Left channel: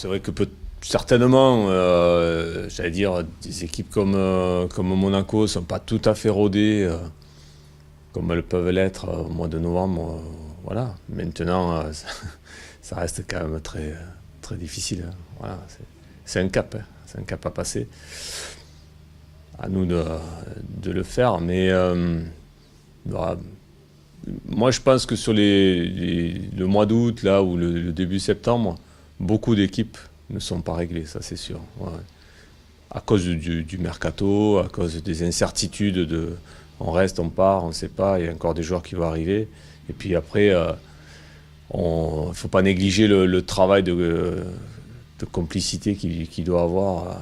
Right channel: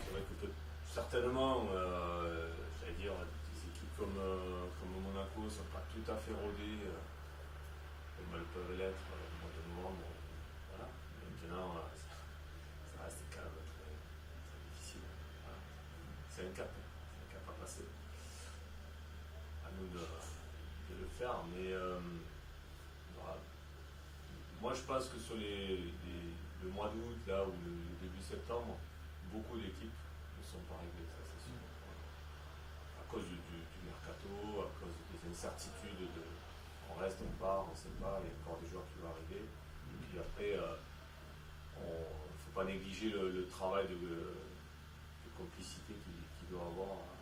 C'est vrai que certainement, j'allais dire, des équipes comme Monaco ne sont pas tout à fait rodées comme elles peuvent l'être au mois de novembre. Voilà. Maintenant, ça reste quand même très, très difficile, hein. Voilà. C'est un cap, hein. C'est un cap à passer. À nous de le faire. Mais voilà. Moi, je pense que sur le mois d'août, là, ou le début septembre, beaucoup d'équipes ne sont pas réglées, ça c'est sûr. Ouais. À cause du mercato, à cause des incertitudes on reste, on part, on ne sait pas, il y a encore des joueurs qui vont arriver. Et puis après, il ne faut pas négliger le travail de complicité qu'il doit avoir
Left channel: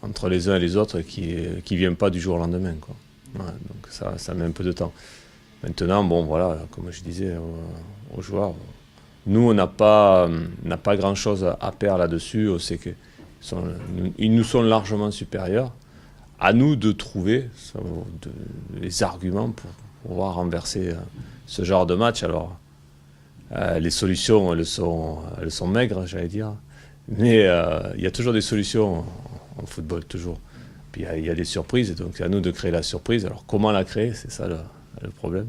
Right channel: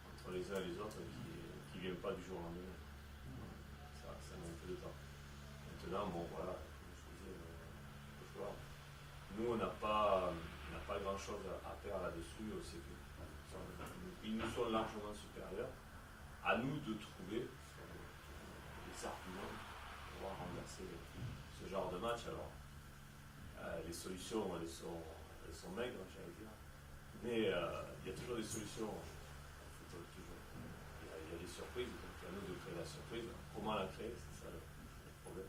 entre les uns et les autres qui ne vient pas du jour au lendemain, quoi. Ouais, donc ça met un peu de temps. Maintenant, bon, voilà, comme je disais aux joueurs, nous, on n'a pas grand-chose à perdre là-dessus. On sait qu'ils nous sont largement supérieurs. À nous de trouver les arguments pour pouvoir renverser ce genre de match. Alors, les solutions, elles sont maigres, j'allais dire. Mais il y a toujours des solutions en football, toujours. Puis il y a des surprises, donc c'est à nous de créer la surprise. Alors, comment la créer, c'est ça le problème.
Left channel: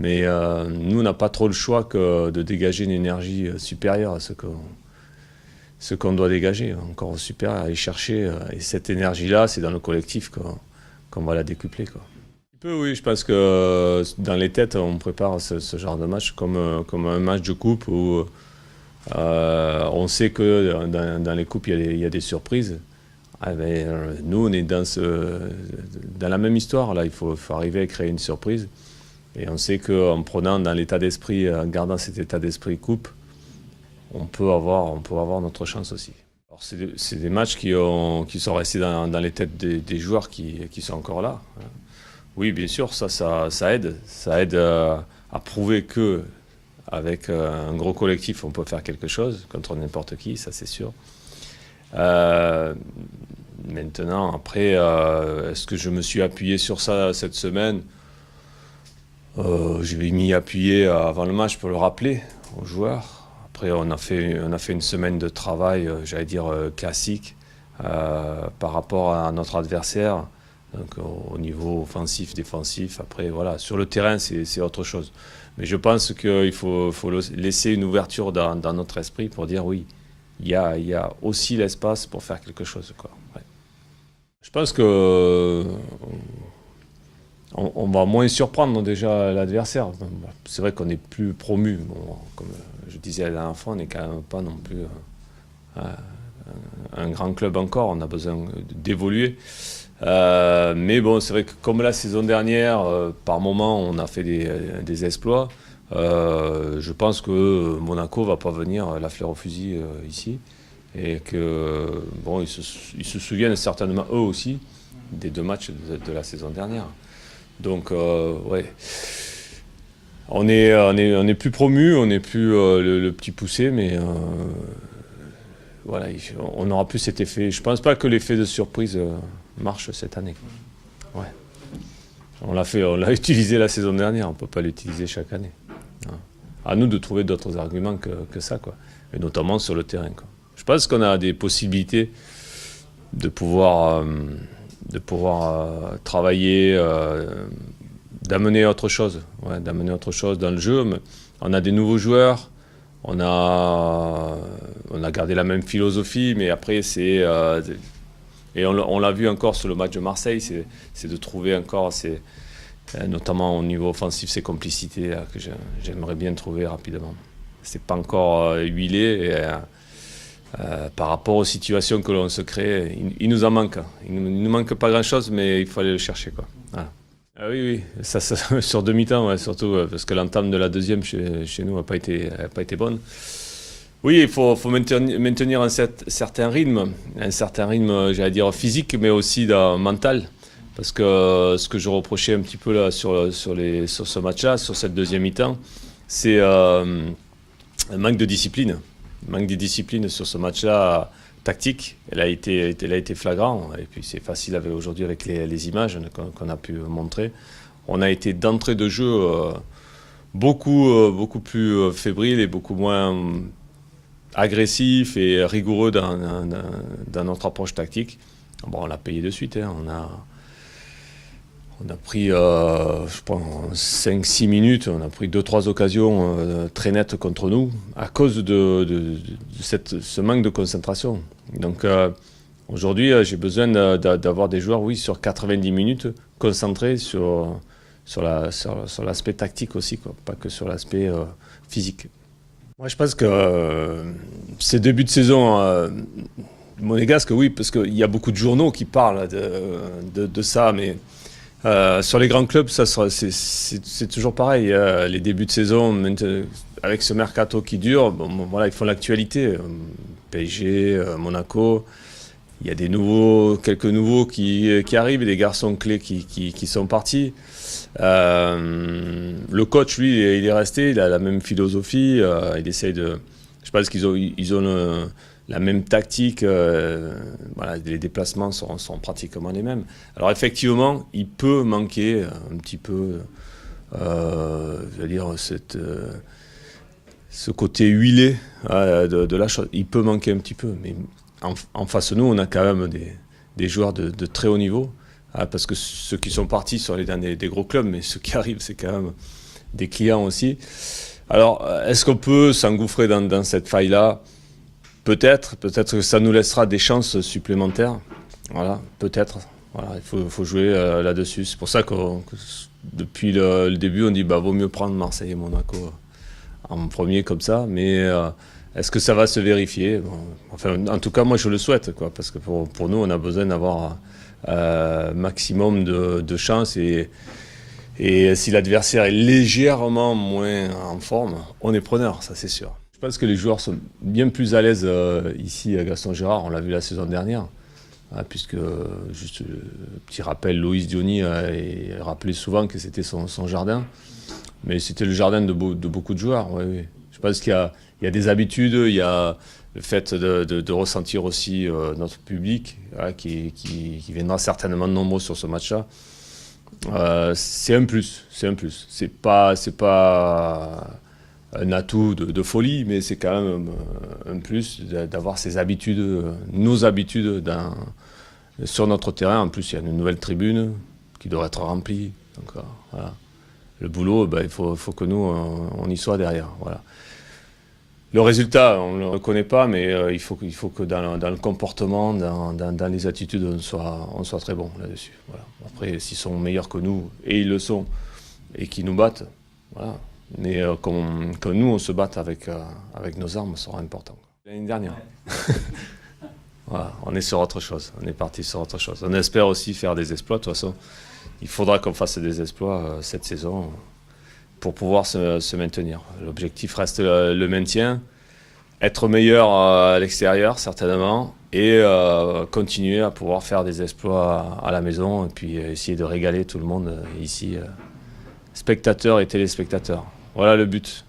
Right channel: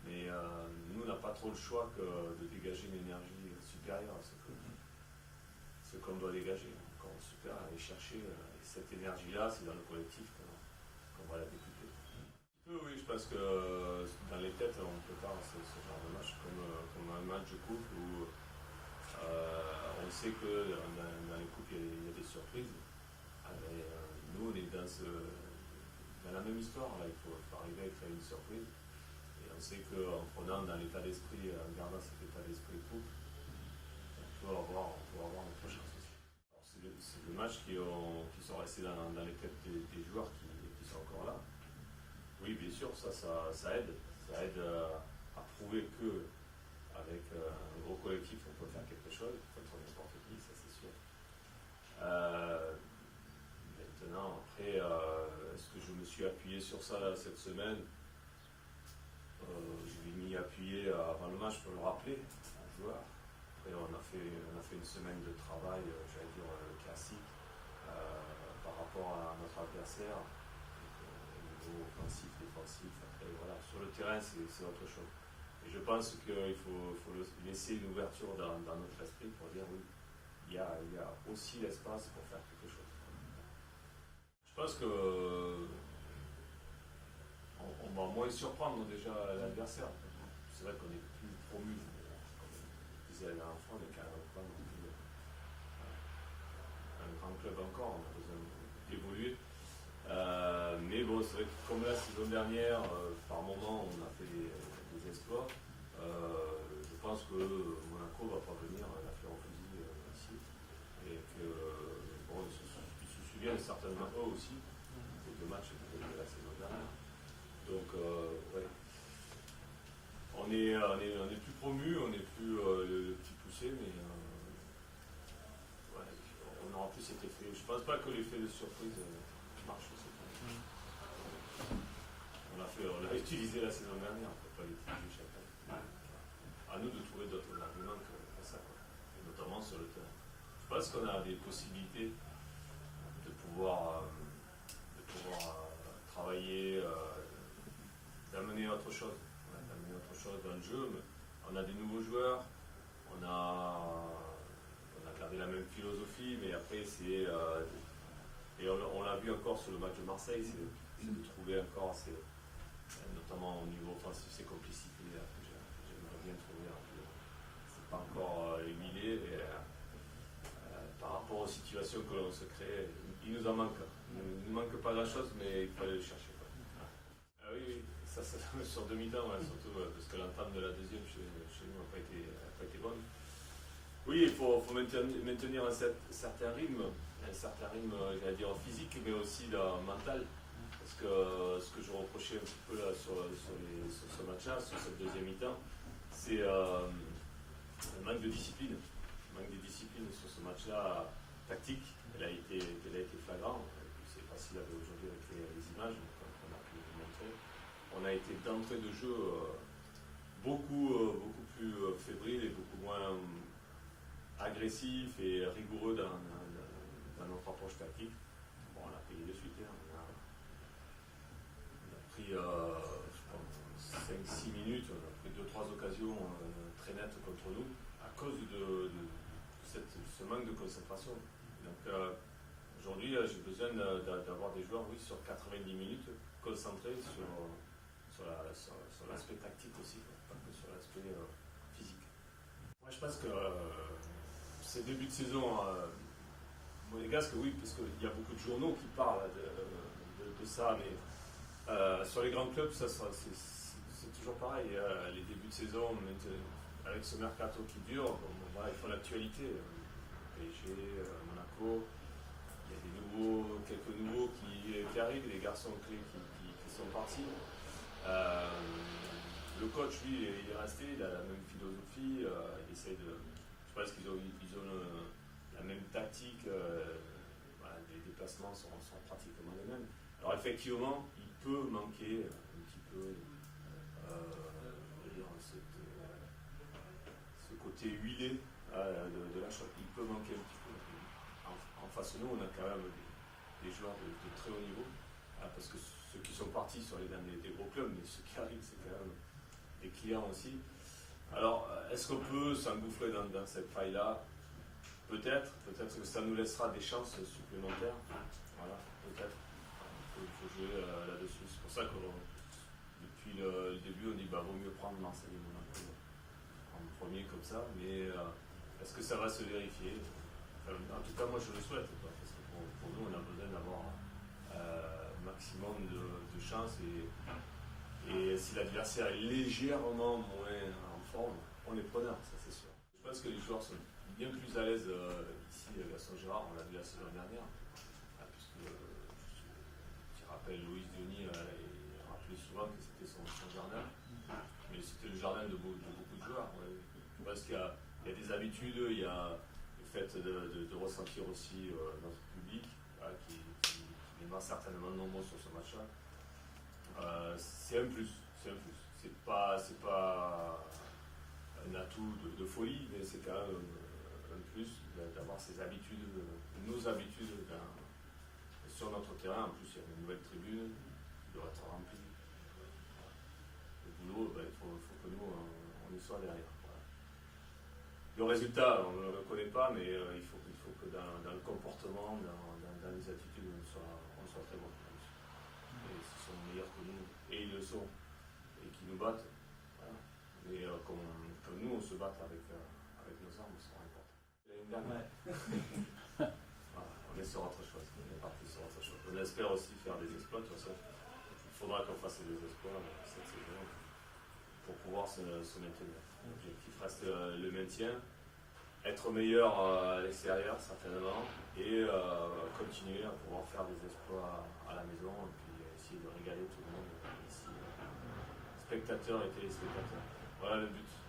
Mais nous, on n'a pas trop le choix que de dégager une énergie supérieure à ce qu'on doit dégager, encore supérieur, aller chercher. Et cette énergie-là, c'est dans le collectif qu'on va la décupler, quoi. Un peu, oui, je pense que dans les têtes, on prépare ce genre de match comme un match de coupe où on sait que dans les coupes, il y a des surprises. Ah ben, nous, on est dans la même histoire. Là, il faut arriver à créer une surprise. Et on sait qu'en prenant dans l'état d'esprit, en gardant cet état d'esprit coupe, on peut avoir notre chance aussi. Alors c'est des matchs qui sont restés dans les têtes des joueurs qui sont encore là. Oui, bien sûr, ça aide. Ça aide à prouver que avec un gros collectif, on peut faire quelque chose contre n'importe qui, ça c'est sûr. Euh, Maintenant, après, est-ce que je me suis appuyé sur ça cette semaine? Je vais m'y appuyer avant le match pour le rappeler aux joueurs. Après, on a fait une semaine de travail, j'allais dire classique, par rapport à notre adversaire. Donc, au niveau offensif, défensif. Après, voilà, sur le terrain, c'est autre chose. Mais je pense qu'il faut laisser une ouverture dans notre esprit pour dire oui, il y a aussi l'espace pour faire quelque chose, quoi. Ouais. Je pense que on va moins surprendre déjà l'adversaire. C'est vrai qu'on est plus promu. Bon, comme je disais la dernière fois, on n'est quand même pas non plus un grand club encore. On a besoin d'évoluer. Mais bon, c'est vrai que comme la saison dernière, par moment, on a fait des exploits. Je pense que Monaco va pas venir la fleur au fusil ici. Et que bon, ils se souviennent certainement eux aussi des deux matchs de la saison dernière. Donc, ouais, on est plus promu, on n'est plus le petit poussé, mais voilà, on n'aura plus cet effet. Je pense pas que l'effet de surprise marche cette année. Ouais. On l'a utilisé la saison dernière, on peut pas l'utiliser chaque année. Ouais. À nous de trouver d'autres arguments que ça, quoi. Et notamment sur le terrain, quoi. Je pense qu'on a des possibilités de pouvoir travailler, d'amener autre chose, ouais, d'amener autre chose dans le jeu. Mais on a des nouveaux joueurs, on a gardé la même philosophie, mais après et on l'a vu encore sur le match de Marseille, c'est de trouver encore, notamment au niveau offensif, ces complicités que j'aimerais bien trouver rapidement. C'est pas encore huilé. Et, par rapport aux situations que l'on se crée, il nous en manque. Il ne nous manque pas grand-chose, mais il faut aller le chercher, quoi. Voilà. Ah oui, oui, ça, sur demi-temps, ouais, surtout parce que l'entame de la deuxième chez nous n'a pas été bonne. Oui, il faut maintenir certain rythme, j'allais dire physique, mais aussi mental. Parce que ce que je reprochais un petit peu là sur ce match-là, sur cette deuxième mi-temps, c'est un manque de discipline. Manque de discipline sur ce match-là tactique. Elle a été flagrant. Et puis c'est facile aujourd'hui avec les images qu'on a pu montrer. On a été d'entrée de jeu beaucoup plus fébrile et beaucoup moins agressif et rigoureux dans notre approche tactique. Bon, on l'a payé de suite. Hein. On a pris, je pense, en 5-6 minutes, on a pris 2-3 occasions très nettes contre nous à cause de ce manque de concentration. Donc aujourd'hui, j'ai besoin d'avoir des joueurs, oui, sur 90 minutes, concentrés sur l'aspect tactique aussi, quoi, pas que sur l'aspect physique. Moi, je pense que ces débuts de saison monégasques, oui, parce qu'il y a beaucoup de journaux qui parlent de ça, mais sur les grands clubs, c'est toujours pareil. Les débuts de saison, avec ce mercato qui dure, bon, voilà, ils font l'actualité. PSG, Monaco, il y a quelques nouveaux qui arrivent, et des garçons clés qui sont partis. Le coach, lui, il est resté, il a la même philosophie. Il essaye de. Je pense qu'ils ont la même tactique. Voilà, les déplacements sont pratiquement les mêmes. Alors effectivement, il peut manquer un petit peu, je veux dire, ce côté huilé de la chose. Il peut manquer un petit peu, mais en face de nous, on a quand même des joueurs de très haut niveau. Parce que ceux qui sont partis sont les derniers des gros clubs, mais ceux qui arrivent, c'est quand même des clients aussi. Alors, est-ce qu'on peut s'engouffrer dans cette faille-là? Peut-être que ça nous laissera des chances supplémentaires. Voilà, peut-être. Voilà, il faut jouer là-dessus. C'est pour ça que depuis le début, on dit vaut mieux prendre Marseille et Monaco en premier comme ça. Mais est-ce que ça va se vérifier? Bon, enfin, en tout cas, moi, je le souhaite, quoi, parce que pour nous, on a besoin d'avoir maximum de chances. Et si l'adversaire est légèrement moins en forme, on est preneur, ça c'est sûr. Je pense que les joueurs sont bien plus à l'aise ici à Gaston Gérard, on l'a vu la saison dernière, puisque, juste petit rappel, Loïs Diony a rappelé souvent que c'était son jardin, mais c'était le jardin de beaucoup de joueurs. Oui, oui. Je pense qu'il y a des habitudes, il y a le fait de ressentir aussi notre public, qui viendra certainement nombreux sur ce match-là. C'est un plus, c'est un plus. C'est pas un atout de folie, mais c'est quand même un plus d'avoir ces habitudes, nos habitudes sur notre terrain. En plus, il y a une nouvelle tribune qui doit être remplie. Donc voilà. Le boulot, il faut que nous, on y soit derrière. Voilà. Le résultat, on ne le reconnaît pas, mais il faut que dans le comportement, dans les attitudes, on soit très bon là-dessus. Voilà. Après, s'ils sont meilleurs que nous, et ils le sont, et qu'ils nous battent, voilà. Mais que nous, on se batte avec nos armes, ça sera important. L'année dernière. Voilà, on est sur autre chose, on est parti sur autre chose. On espère aussi faire des exploits, de toute façon. Il faudra qu'on fasse des exploits cette saison pour pouvoir se maintenir. L'objectif reste le maintien, être meilleur à l'extérieur certainement, et continuer à pouvoir faire des exploits à la maison, et puis essayer de régaler tout le monde ici, spectateurs et téléspectateurs. Voilà le but.